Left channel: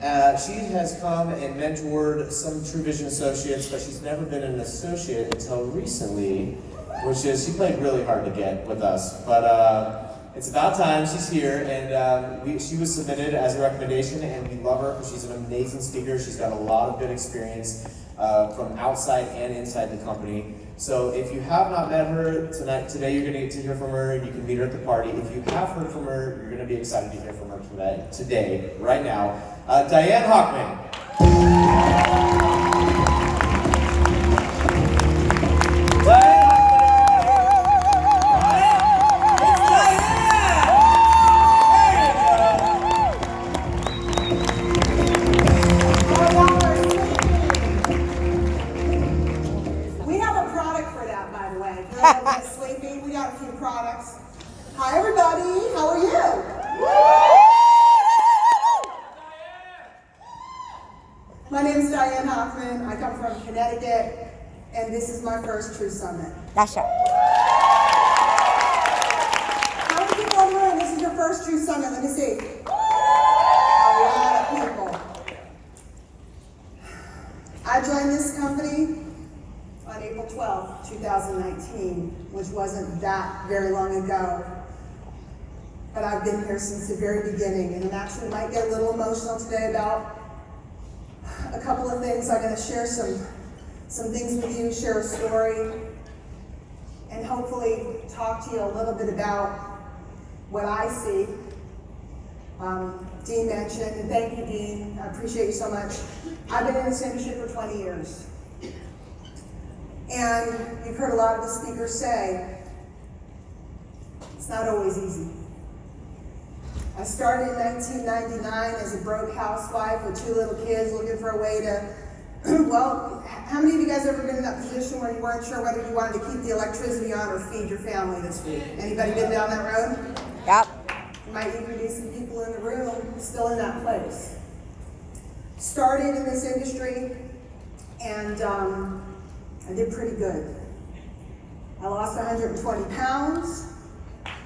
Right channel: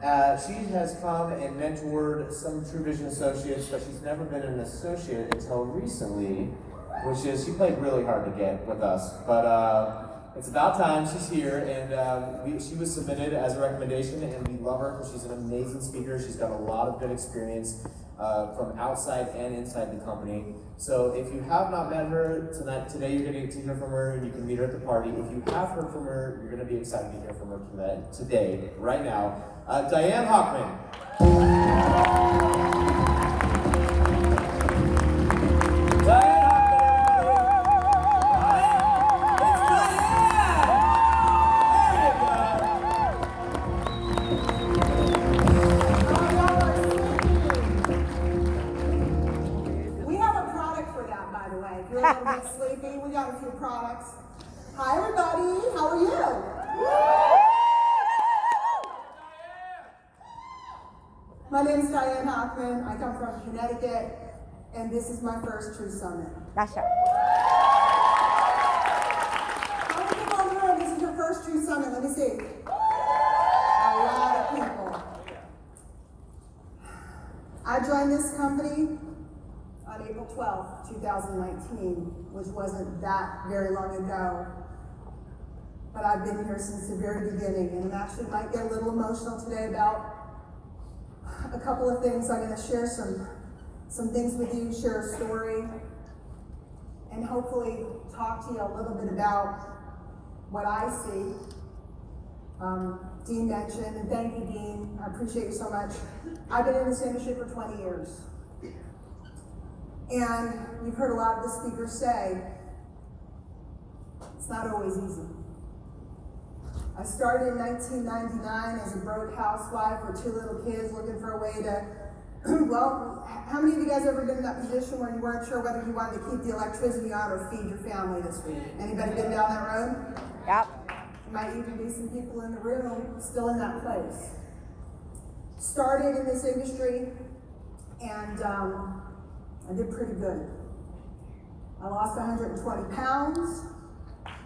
She has come and mentored some True Vision associates, but she's never been an associate until recently, which is, she played really hard to get with us. But it's about time she's here, and she was submitted as a recommendation, and we love her because she's an amazing speaker. She's got a lot of good experience from outside and inside the company. So if you have not met her today you're going to get to hear from her, and you can meet her at the party. If you have heard from her, you're going to be excited to hear from her today, right now. Diane Hochman. Hi everybody, how are you? My name is Diane Hochman. I come from Connecticut, and this is my first True Summit. That's right. How many people in the room? This is your first True Summit. Let me see. A lot of people. I joined this company on April 12th, 2019, which wasn't that very long ago. But I've been here since the very beginning, and I actually might get a little emotional today about a couple of things. I'm going to share some things with you, share a story, and hopefully talk to you a little bit about what I see. Dean mentioned, and thank you, Dean. I appreciate you so much. I've been in this industry for 20 years. And you've heard a lot of the speakers say, it's not always easy. I started in 1999 as a broke housewife with 2 little kids looking for a way to, well, how many of you guys ever been in that position where you weren't sure whether you wanted to keep the electricity on or feed your family this week? Anybody been down that road? Yep. You might even be some people in the room still in that place. Started in this industry, and I did pretty good. I lost 120 pounds,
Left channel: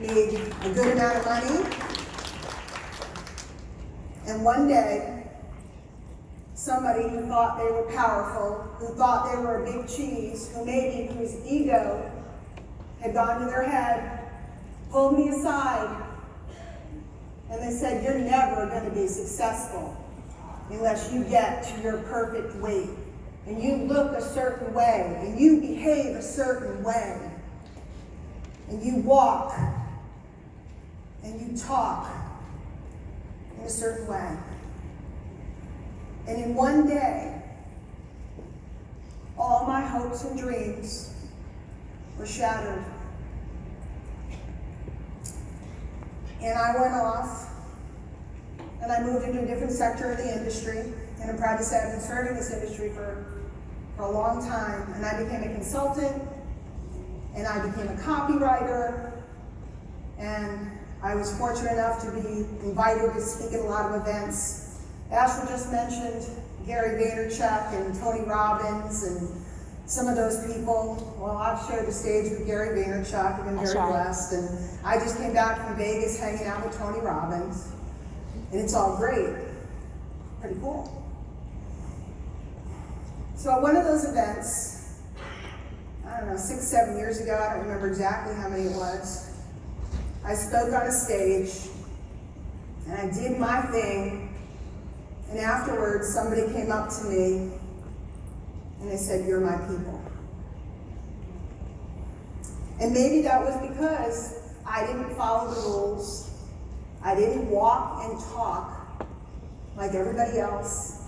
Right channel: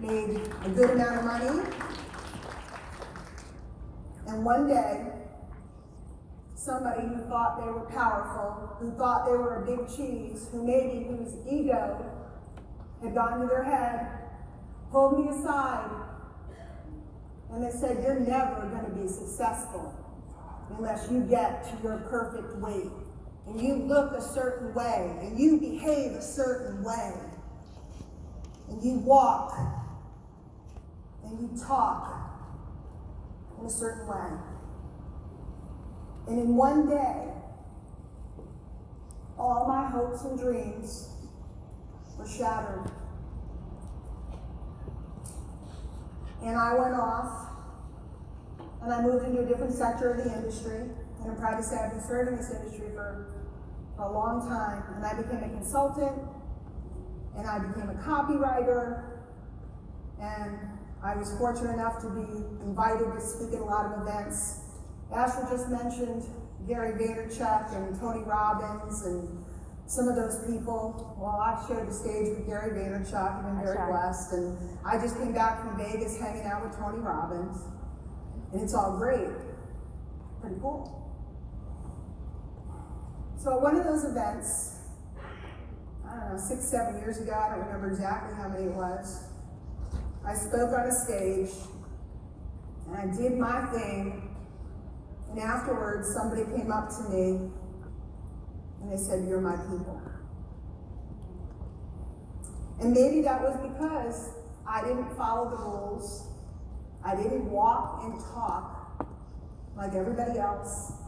made a good amount of money, and one day, somebody who thought they were powerful, who thought they were a big cheese, whose ego had gotten to their head, pulled me aside, and they said, you're never going to be successful unless you get to your perfect weight, and you look a certain way, and you behave a certain way, and you walk, and you talk in a certain way. And in one day, all my hopes and dreams were shattered. And I went off, and I moved into a different sector of the industry, and I'm proud to say I've been serving this industry for a long time, and I became a consultant, and I became a copywriter, and I was fortunate enough to be invited to speak at a lot of events. Ashley just mentioned Gary Vaynerchuk and Tony Robbins and some of those people. Well, I've shared the stage with Gary Vaynerchuk. I've been very blessed. And I just came back from Vegas hanging out with Tony Robbins. And it's all great. Pretty cool. So at one of those events, I don't know, 6, 7 years ago, I don't remember exactly how many it was, I spoke on a stage, and I did my thing, and afterwards somebody came up to me, and they said, you're my people. And maybe that was because I didn't follow the rules, I didn't walk and talk like everybody else,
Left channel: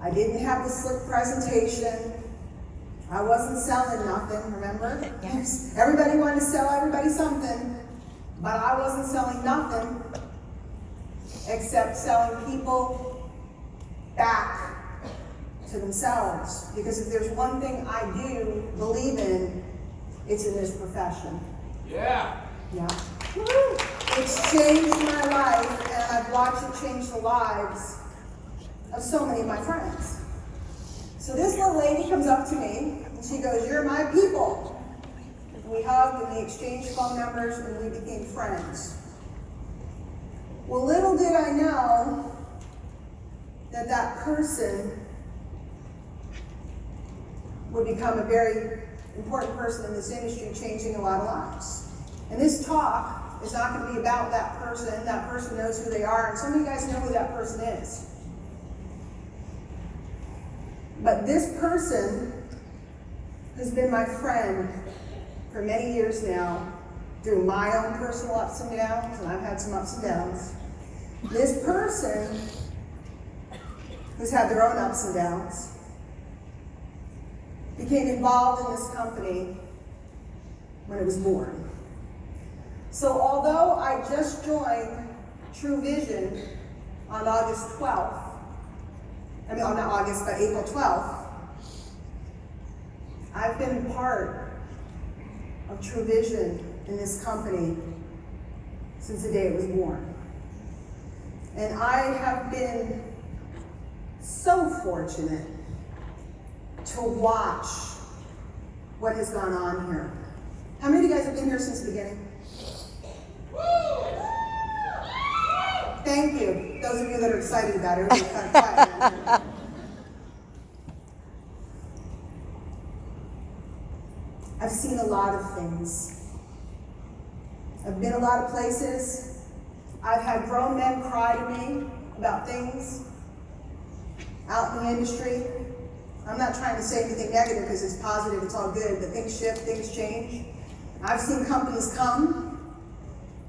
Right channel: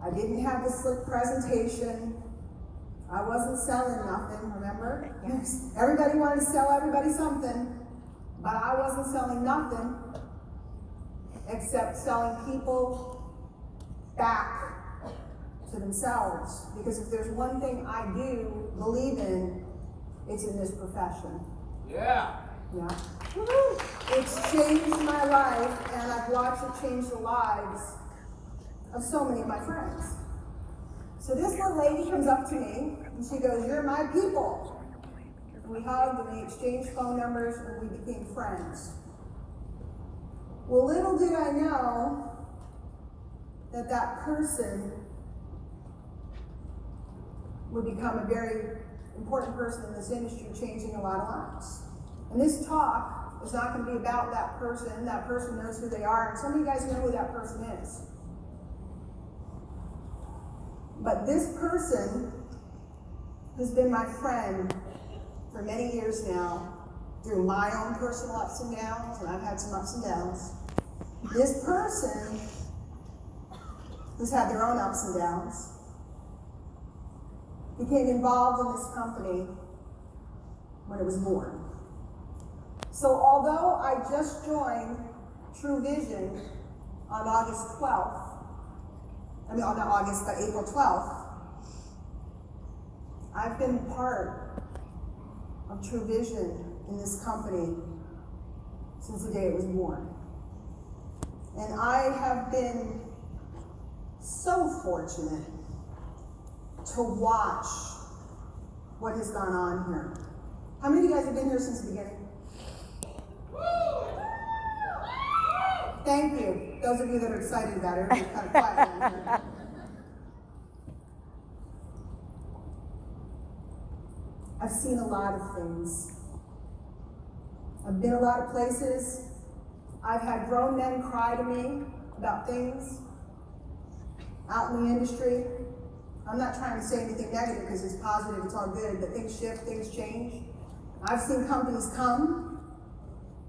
I didn't have the slick presentation, I wasn't selling nothing, remember? Yes. Everybody wanted to sell everybody something, but I wasn't selling nothing except selling people back to themselves. Because if there's one thing I do believe in, it's in this profession. Yeah. Yeah. Woo-hoo. It's changed my life, and I've watched it change the lives of so many of my friends. So this little lady comes up to me, and she goes, you're my people. We hugged and we exchanged phone numbers and we became friends. Well, little did I know that that person would become a very important person in this industry, changing a lot of lives. And this talk is not going to be about that person. That person knows who they are, and some of you guys know who that person is. But this person, who's been my friend for many years now, through my own personal ups and downs, and I've had some ups and downs, this person, who's had their own ups and downs, became involved in this company when it was born. So although I just joined True Vision on August 12th, not August, but April 12th, I've been part of True Vision in this company since the day it was born. And I have been so fortunate to watch what has gone on here. How many of you guys have been here since the beginning? Thank you. Those of you that are excited about it, everybody's kind of quiet around here. I've seen a lot of things. I've been a lot of places. I've had grown men cry to me about things out in the industry. I'm not trying to say anything negative because it's positive, it's all good, but things shift, things change. I've seen companies come.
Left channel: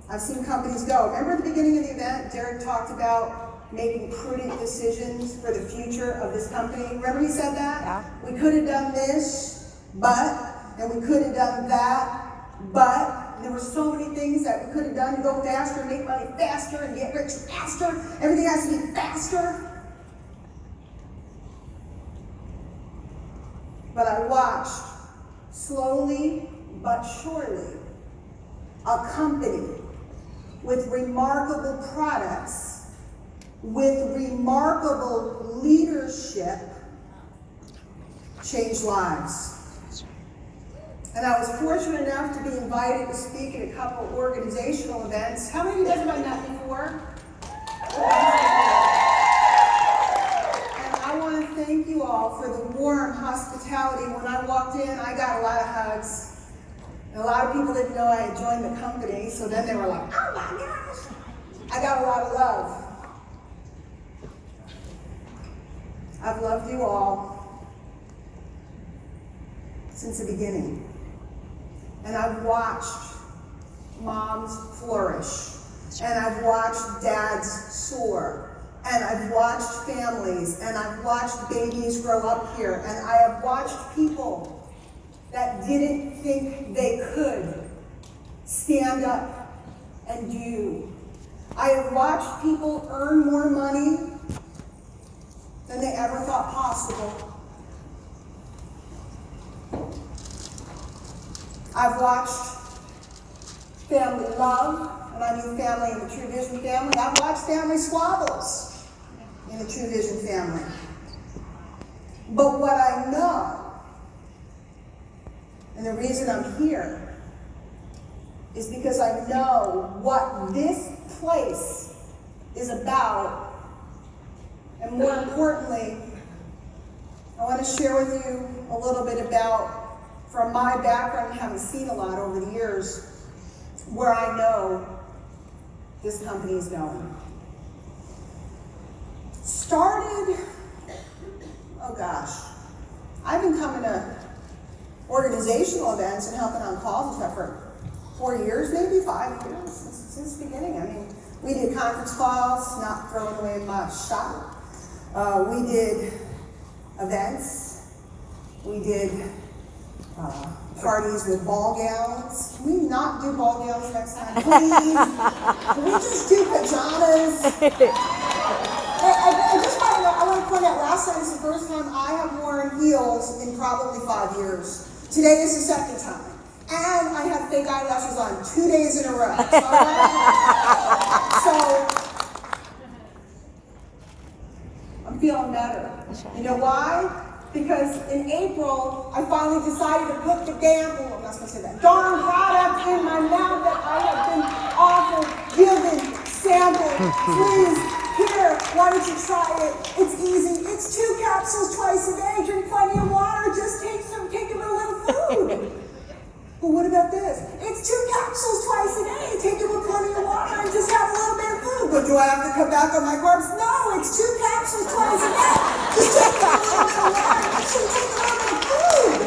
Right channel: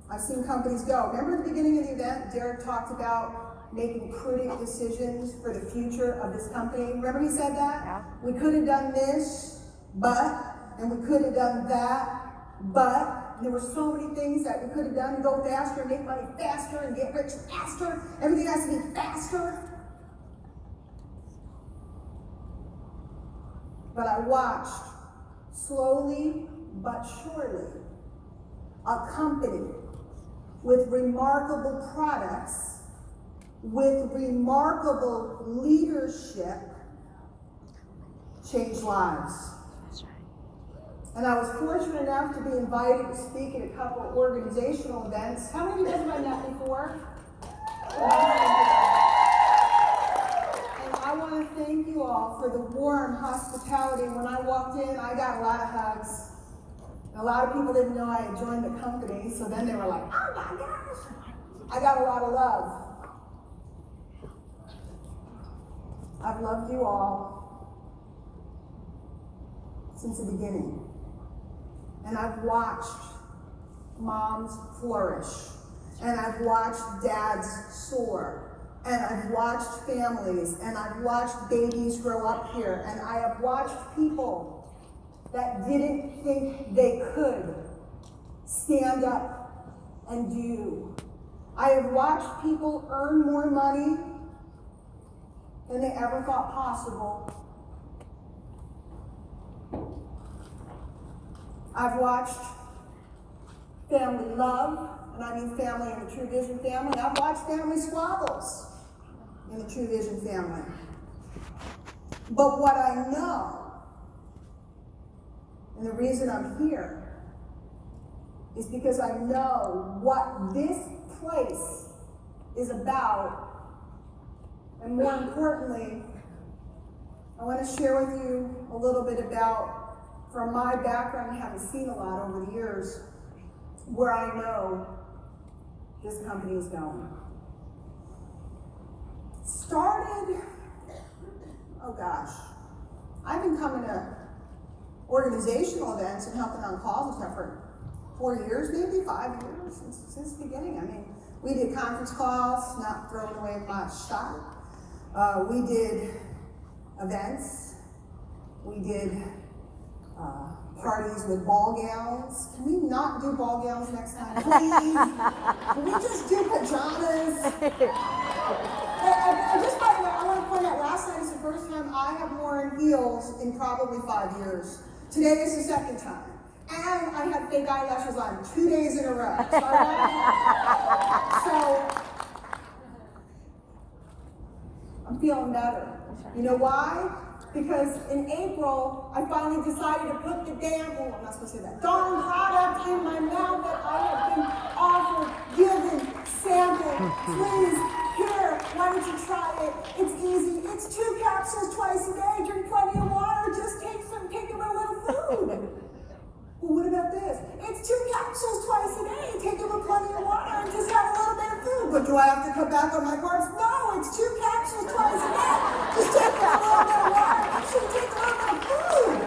I've seen companies go. Remember at the beginning of the event, Derek talked about making prudent decisions for the future of this company. Remember he said that? Yeah. We could have done this, and we could have done that, but there were so many things that we could have done to go faster, and make money faster, and get rich faster. Everything has to be faster. But I watched, slowly but surely, a company with remarkable products, with remarkable leadership, change lives. And I was fortunate enough to be invited to speak at a couple organizational events. How many of you guys have done that before? And I want to thank you all for the warm hospitality. When I walked in, I got a lot of hugs. And a lot of people didn't know I had joined the company, so then they were like, oh my gosh. I got a lot of love. I've loved you all since the beginning. And I've watched moms flourish. And I've watched dads soar. And I've watched families. And I've watched babies grow up here. And I have watched people that didn't think they could stand up and do. I have watched people earn more money than they ever thought possible. I've watched family love, and I mean family in the True Vision family. I've watched family squabbles in the True Vision family. But what I know, and the reason I'm here, is because I know what this place is about. And more importantly, I want to share with you a little bit about, from my background, having seen a lot over the years, where I know this company is going. Started, oh gosh, I've been coming to organizational events and helping on calls and stuff for 4 years, maybe 5 years, since the beginning. I mean, we did conference calls, not throwing away my shot. We did events. We did parties with ball gowns. Can we not do ball gowns next time, please? Can we just do pajamas? I just want to point out, last night is the first time I have worn heels in probably 5 years. Today is the second time. And I have fake eyelashes on 2 days in a row. So I'm feeling better. You know why? Because in April, I finally decided to put the I'm not supposed to say that, darn product in my mouth that I have been offered, given, sampled. Please, here, Why don't you try it? It's easy. It's 2 capsules twice a day. Drink plenty of water. Just take a little food. Well, what about this? It's 2 capsules twice a day. Take it with plenty of water and just have a little bit of food. But do I have to cut back on my carbs? No, it's 2 capsules twice a day. Just take a little bit of water. Make sure you take a little bit of food.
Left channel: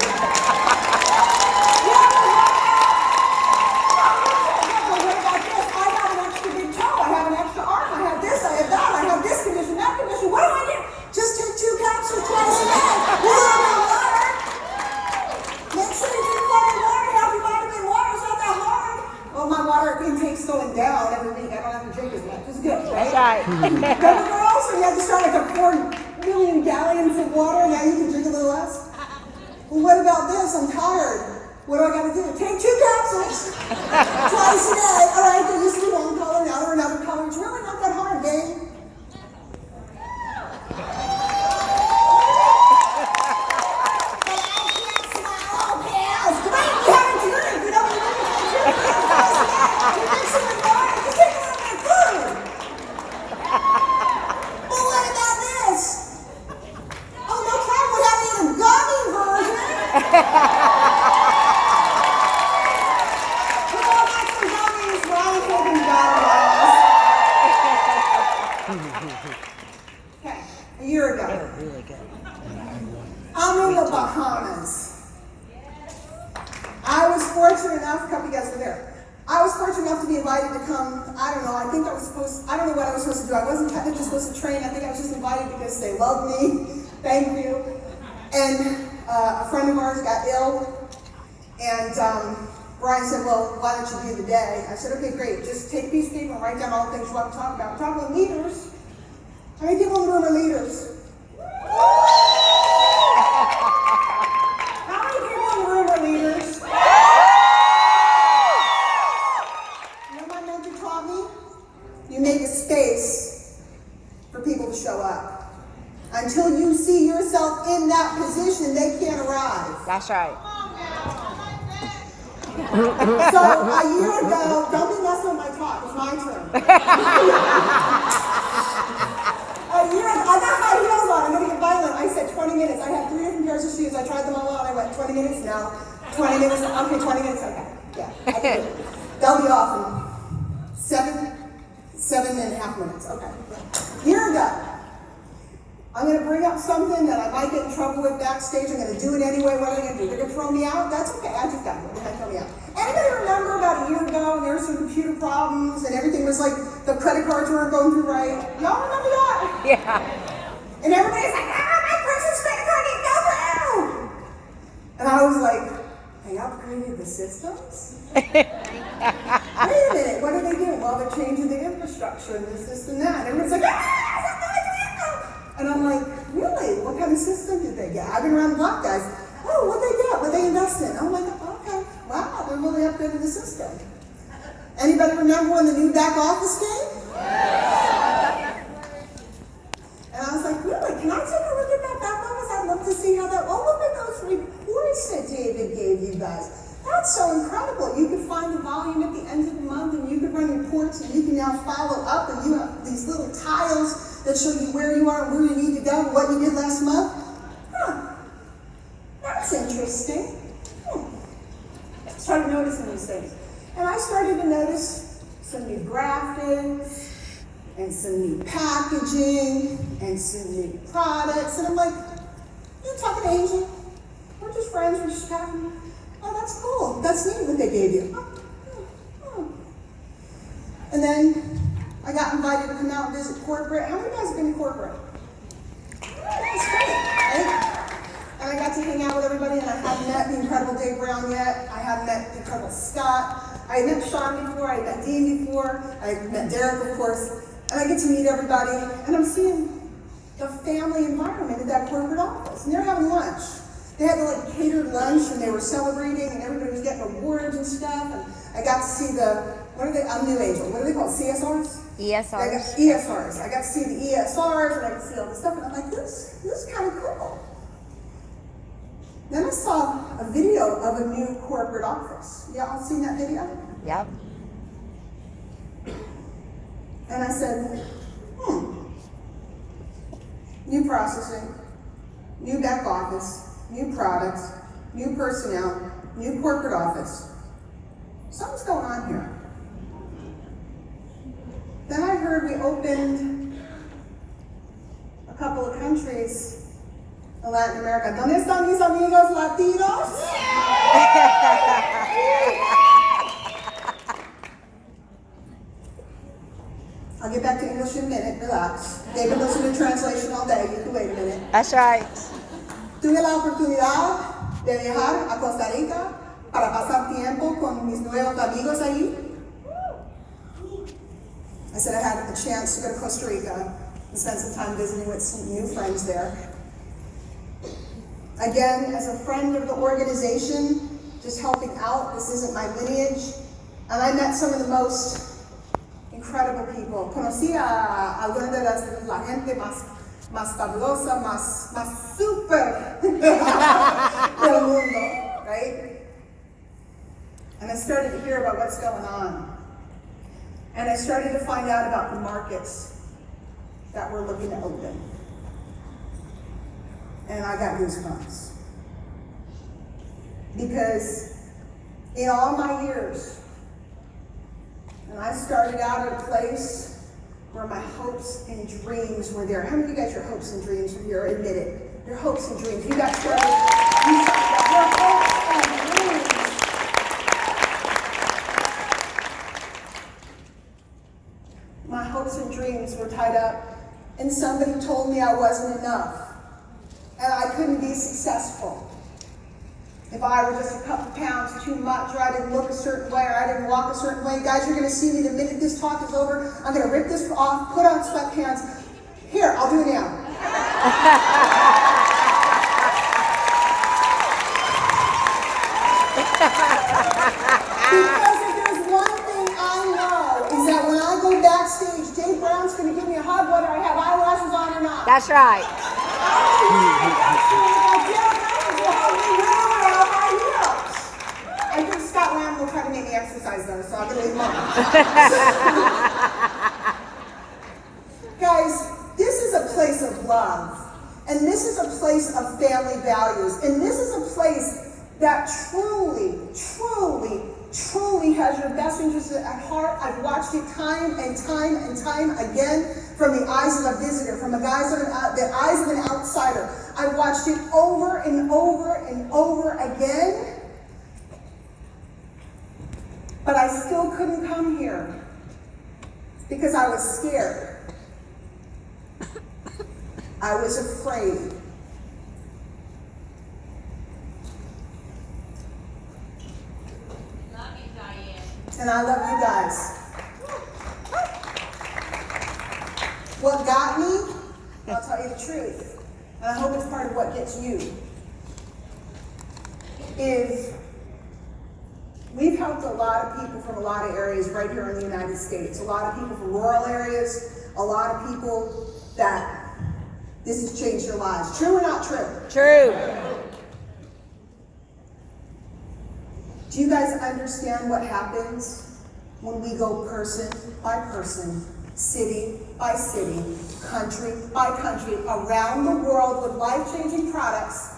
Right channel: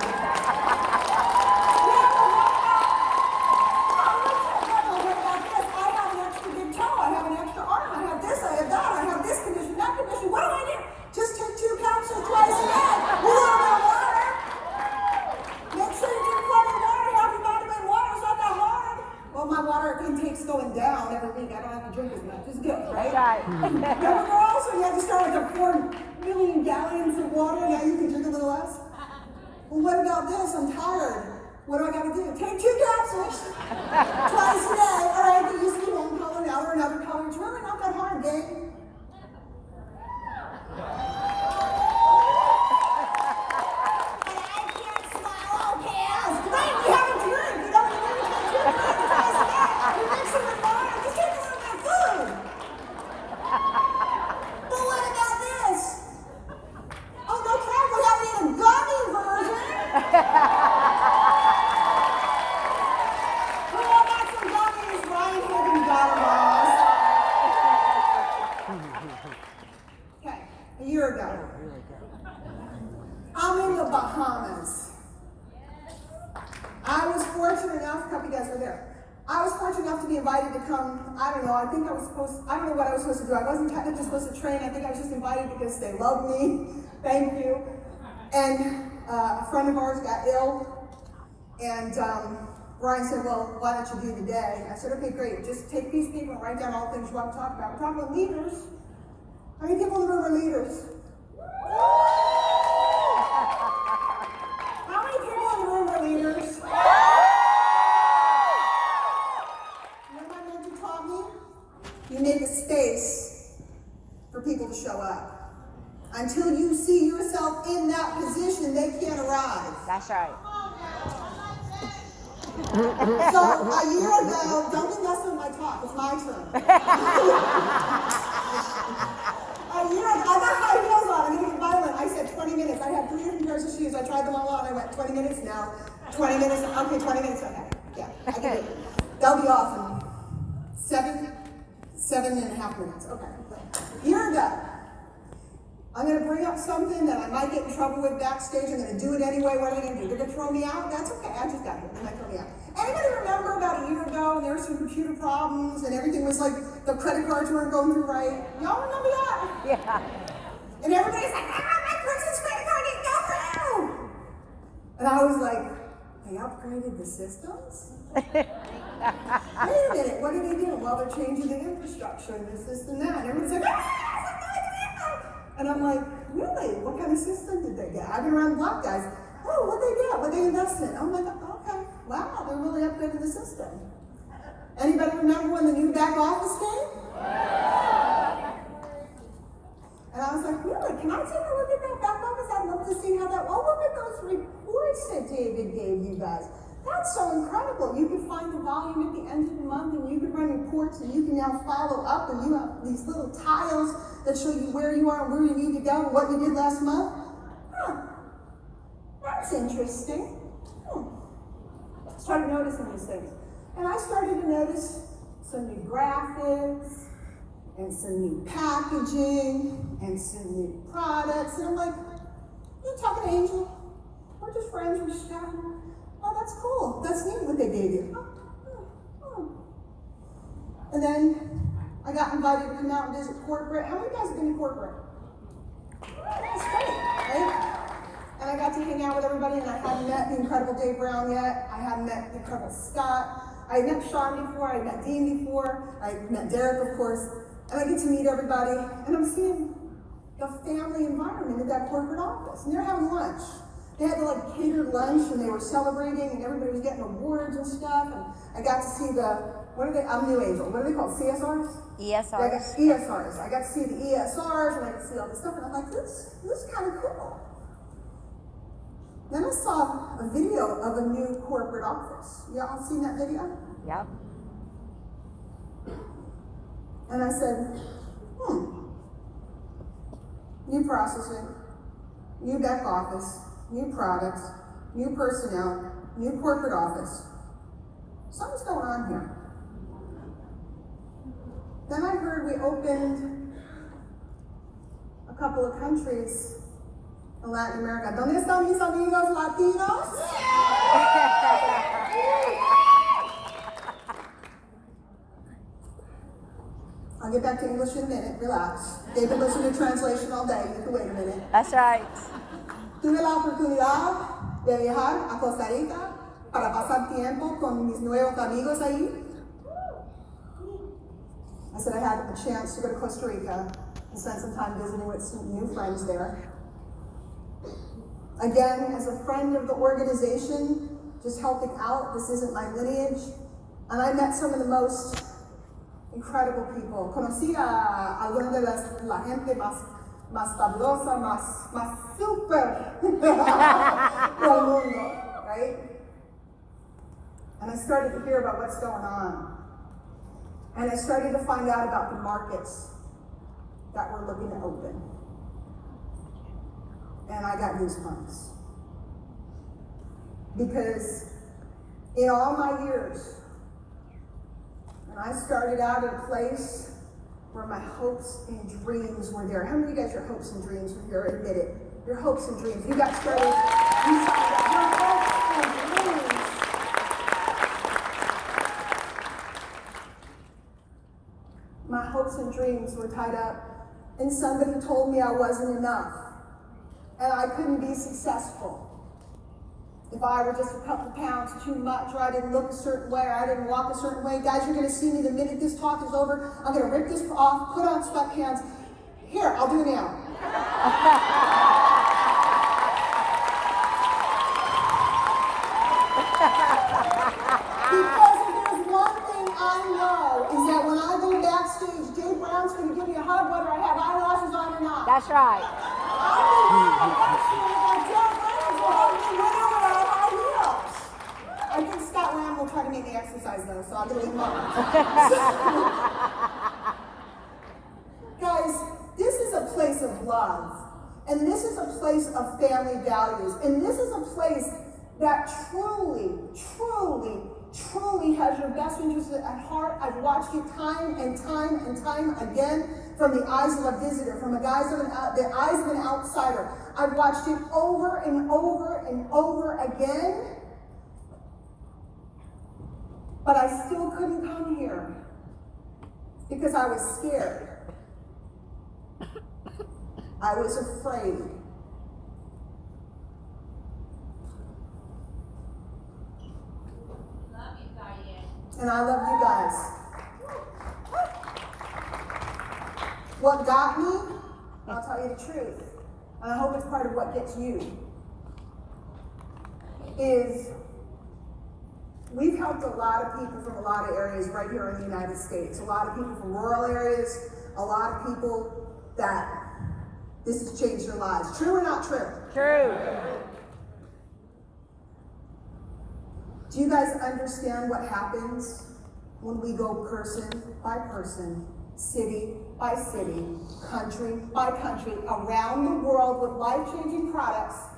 What do I do? Just take 2 capsules twice a day. A little bit of water. Make sure you drink plenty of water. Have your vitamin water. It's not that hard. Well, my water intake's going down every week. I don't have to drink as much. It's good, right? That's right. Remember, girls, when you had to start like a 4 million gallons of water, now you can drink a little less? Well, what about this? I'm tired. What do I gotta do? Take 2 capsules twice a day. All right, they used to be one color, now they're another color. It's really not that hard, babe. Okay, a year ago. Really good. I'm in the Bahamas. I was fortunate enough, a couple of you guys were there. I was fortunate enough to be invited to come, I don't know, I don't know what I was supposed to do. I wasn't technically supposed to train. I think I was just invited because they love me. Thank you. And a friend of ours got ill. And Brian said, well, why don't you do the day? I said, okay, great. Just take a piece of paper and write down all the things you want to talk about. We're talking about leaders. How many people in the room are leaders? How many people in the room are leaders? You know what my mentor taught me? You make a space for people to show up. Until you see yourself in that position, they can't arrive. That's right. So a year ago, don't be messing with my talk, it's my turn. A year ago, I got high heels on, I'm gonna get violent. I said 20 minutes. I had 3 different pairs of shoes. I tried them all on. I went 20 minutes now. 20 minutes, okay, 20 minutes, okay. Yeah, I can do it. They'll be off in 7.5 minutes, okay. A year ago, I'm going to bring up something that I might get in trouble with backstage. I'm going to do it anyway. What are they going to do? They're going to throw me out? That's okay. I just got it. They're going to throw me out. Anybody remember about a year ago and there were some computer problems and everything was like the credit cards weren't going through right? Y'all remember that? Yeah. And everybody's like, my person's credit card didn't go through. And I was like, they upgraded the systems? Wait a minute. What are they doing? Well, they're changing the infrastructure and this and that. And everyone's like, and I'm like, really? What kind of system did they get? I've been around the block, guys. Oh, what they get? What they invest in? I'm like, okay, wow, they're really upgrading the system. Anybody remember when the new back office came? And I was like, really? Can I take a look at that back office? I'd love to see how that. Oh, look at those reports that David gave you guys. That's so incredible. You could find the volume at the end of the month, and you could run reports, and you can now follow up, and you have these little tiles that show you where you are and where you need to go, and what you did last month. Huh. That's interesting. Started noticing these things. And I started to notice some new graphics, and some new packaging, and some new products. And I'm like, you talking to Angel? We're just friends, we're just chatting. Oh, that's cool. That's neat what they gave you. Oh. And then I got invited to come out and visit corporate. How many guys have been to corporate? That's great, right? And I got to hang out with everybody, and I hadn't met the incredible Dave Brown yet. I hadn't met the incredible Scott. I had met Sean before. I had met Dean before. I had met Derek, of course. And I get to meet everybody, and I'm seeing the family environment at that corporate office. And they're having lunch. They had like catered lunch, and they were celebrating, and everybody was getting awards and stuff. And I got to see I'm New Angel. What are they called? CSRs? ESRs. ESRs. I got to see the ESRs, and I got to see all this stuff, and I'm like, this is kind of cool. Then I saw a video of a new corporate office. Y'all seen that video? Yep. And I said, new processing, new back office, new products, new personnel, new corporate office. Something's going on here. Then I heard we opened a couple of countries in Latin America. ¿Dónde están mis amigos latinos? I'll get back to English in a minute, relax. They've been listening to translation all day, you can wait a minute. That's right. Tuve la oportunidad de viajar a Costa Rica para pasar tiempo con mis nuevos amigos ahí. I said I had a chance to go to Costa Rica and spend some time visiting with some new friends there. Again, as a friend of the organization, just helping out, this isn't my lineage, and I met some of the most incredible people. Conocí a algunas de la gente más fabulosa, más super del mundo, right? And I started to hear about what's going on. And I started to find out about the markets that we're looking to open. And I got goosebumps. Because in all my years, and I started out at a place where my hopes and dreams were there. How many of you got your hopes and dreams when you're admitted? Your hopes and dreams. You got started, your hopes and dreams. My hopes and dreams were tied up, and somebody told me I wasn't enough, and I couldn't be successful. If I were just a couple pounds too much, or I didn't look a certain way, or I didn't walk a certain way, guys, you're gonna see me the minute this talk is over. I'm gonna rip this off, put on sweatpants. Here, I'll do it now. Because if there's one thing I know, is that when I go backstage, Dave Brown's gonna give me a hug whether I have eyelashes on or not. That's right. I think Scott Lamb will try to make me exercise though, so I'm gonna leave him alone. Guys, this is a place of love, and this is a place of family values, and this is a place that truly, truly, truly has your best interests at heart. I've watched it time and time and time again from the eyes of a visitor, from the eyes of an outsider. I've watched it over and over and over again. But I still couldn't come here because I was scared. I was afraid. Love you, Diane. And I love you guys. What got me, I'll tell you the truth, and I hope it's part of what gets you, is we've helped a lot of people from a lot of areas right here in the United States. A lot of people from rural areas, a lot of people that this has changed their lives. True or not true? True. Do you guys understand what happens when we go person by person, city by city, country by country, around the world with life-changing products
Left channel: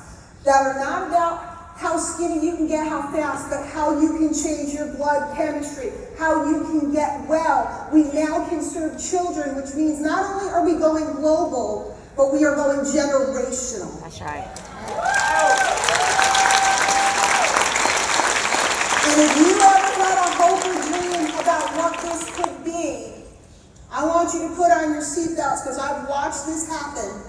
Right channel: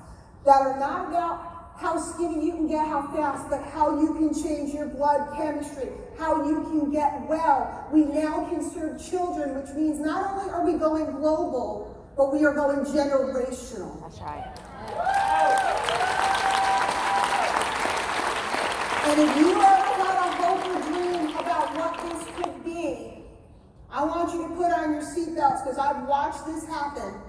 that are not about how skinny you can get, how fast, but how you can change your blood chemistry, how you can get well. We now can serve children, which means not only are we going global, but we are going generational. That's right. And if you ever had a hope or dream about what this could be, I want you to put on your seatbelts because I've watched this happen.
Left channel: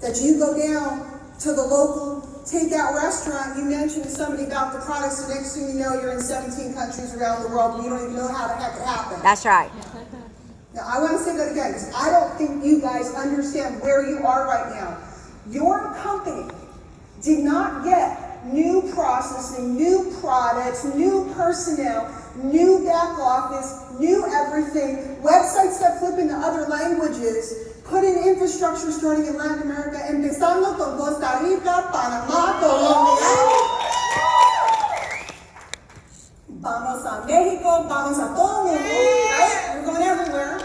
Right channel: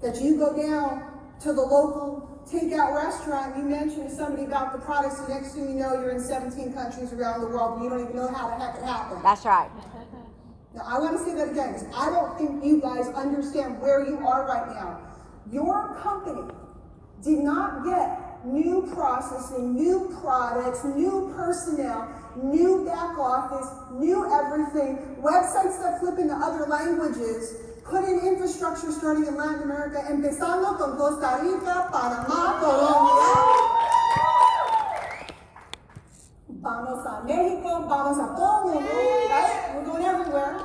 That you go down to the local takeout restaurant, you mention to somebody about the products, the next thing you know, you're in 17 countries around the world and you don't even know how the heck it happened. That's right. Now, I want to say that again because I don't think you guys understand where you are right now. Your company did not get new processing, new products, new personnel, new back office, new everything, websites that flip into other languages, put in infrastructure starting in Latin America, empezando con Costa Rica, Panamá, Colombia. Vamos a Mexico, vamos a todo el mundo, right? We're going everywhere.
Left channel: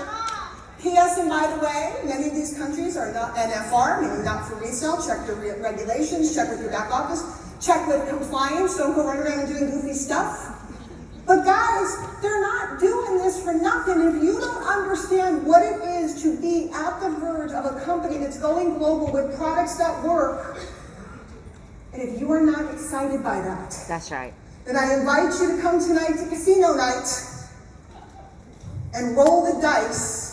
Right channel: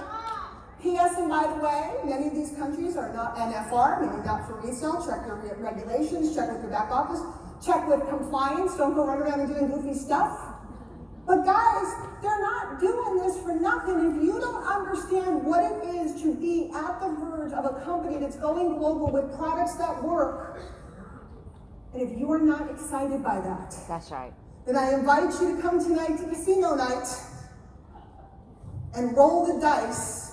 P.S. and by the way, many of these countries are not NFR, meaning not for resale. Check your regulations, check with your back office, check with compliance. Don't go running around and doing goofy stuff. But guys, they're not doing this for nothing. If you don't understand what it is to be at the verge of a company that's going global with products that work, and if you are not excited by that, That's right. then I invite you to come tonight to casino night and roll the dice.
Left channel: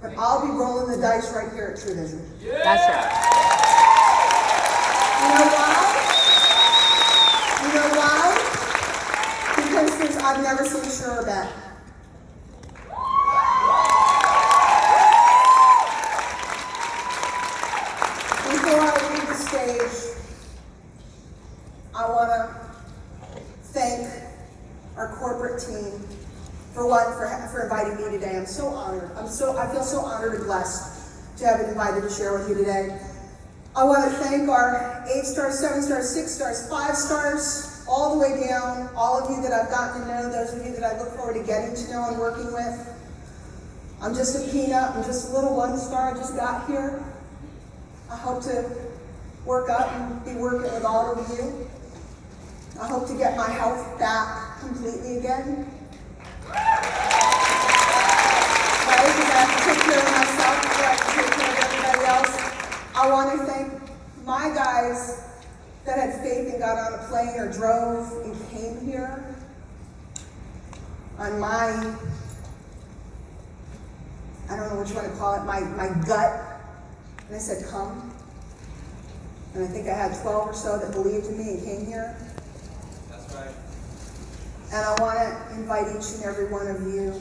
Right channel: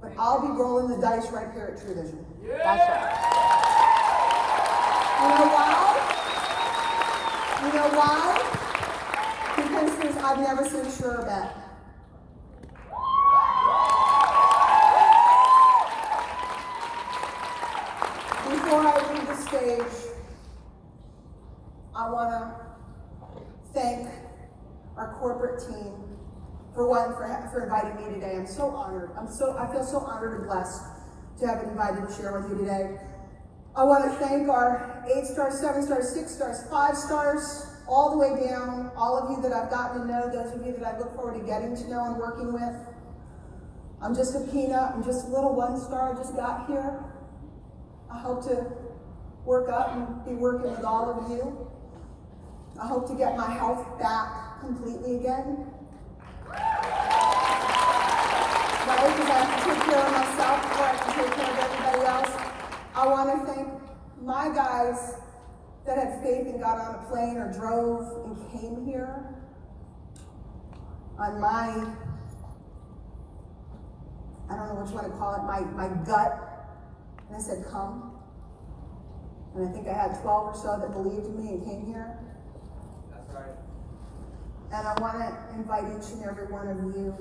But I'll be rolling the dice right here at True Vision. That's right. You know why? You know why? Because I've never seen sure bet. Before I leave the stage, I want to thank our corporate team for inviting me today. I'm so honored. I feel so honored and blessed to have been invited to share with you today. I want to thank our 8 stars, 7 stars, 6 stars, 5 stars, all the way down, all of you that I've gotten to know, those of you that I look forward to getting to know and working with. I'm just a peanut, I'm just a little 1 star, I just got here. I hope to work up and be working with all of you. I hope to get my health back completely again. Right? Because I have to take care of myself before I can take care of everybody else. I want to thank my guys that had faith and got on a plane or drove and came here on my, I don't know what you want to call it, my gut. And I said, come. And I think I had 12 or so that believed in me and came here. That's right. And I want to invite each and every one of you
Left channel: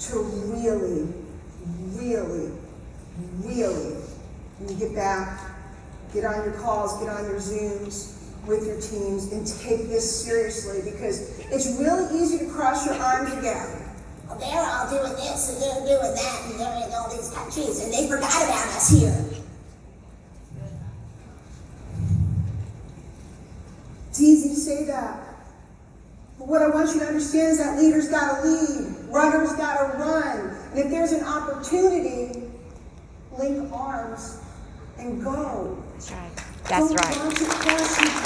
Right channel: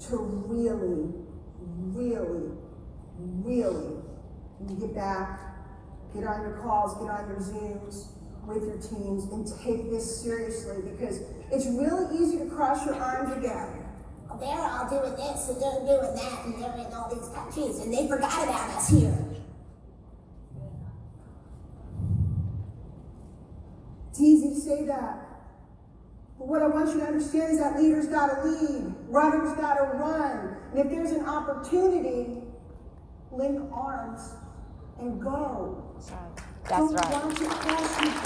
to really, really, really, when you get back, get on your calls, get on your Zooms with your teams, and take this seriously, because it's really easy to cross your arms again. Well, they're all doing this and they're doing that and they're in all these countries and they forgot about us here. It's easy to say that. But what I want you to understand is that leaders gotta lead, runners gotta run. And if there's an opportunity, link arms and go. That's right. That's Don't right. watch it pass you by.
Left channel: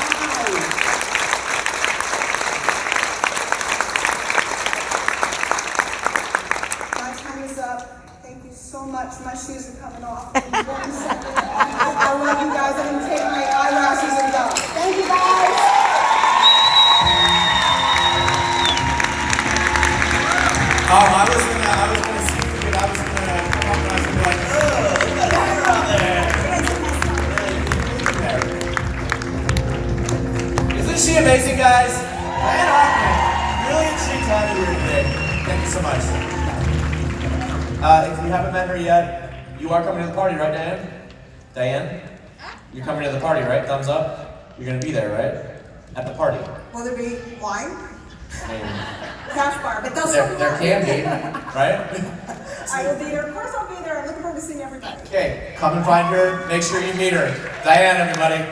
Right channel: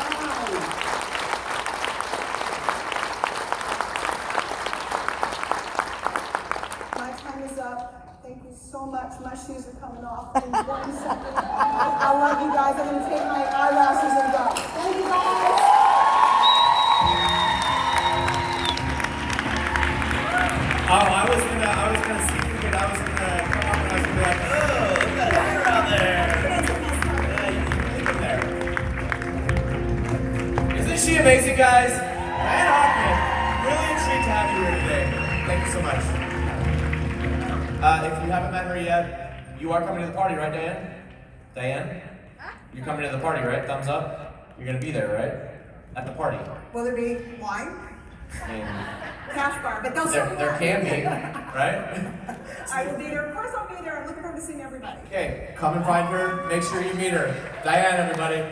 My time is up. Thank you so much. My shoes are coming off in 1 second. I love you guys. I'm gonna take my eyelashes and go. Thank you guys. Oh, I was gonna see it. I was gonna come up and I was gonna be like, oh, look at that hair out there. Yeah, isn't she amazing, guys? Diane Hochman, brilliant chick to have you here today. Thank you so much. If you haven't met her yet, you are coming to the party, right, Diane? Diane? You're coming to the party, right? Thumbs up? You're gonna be there, right? At the party. Will there be wine? I mean, Cash bar, but they'll there can be, right? I will be there. Of course I'll be there. I'm looking forward to seeing everybody. Okay, come and find her. Make sure you meet her. Diane, everybody.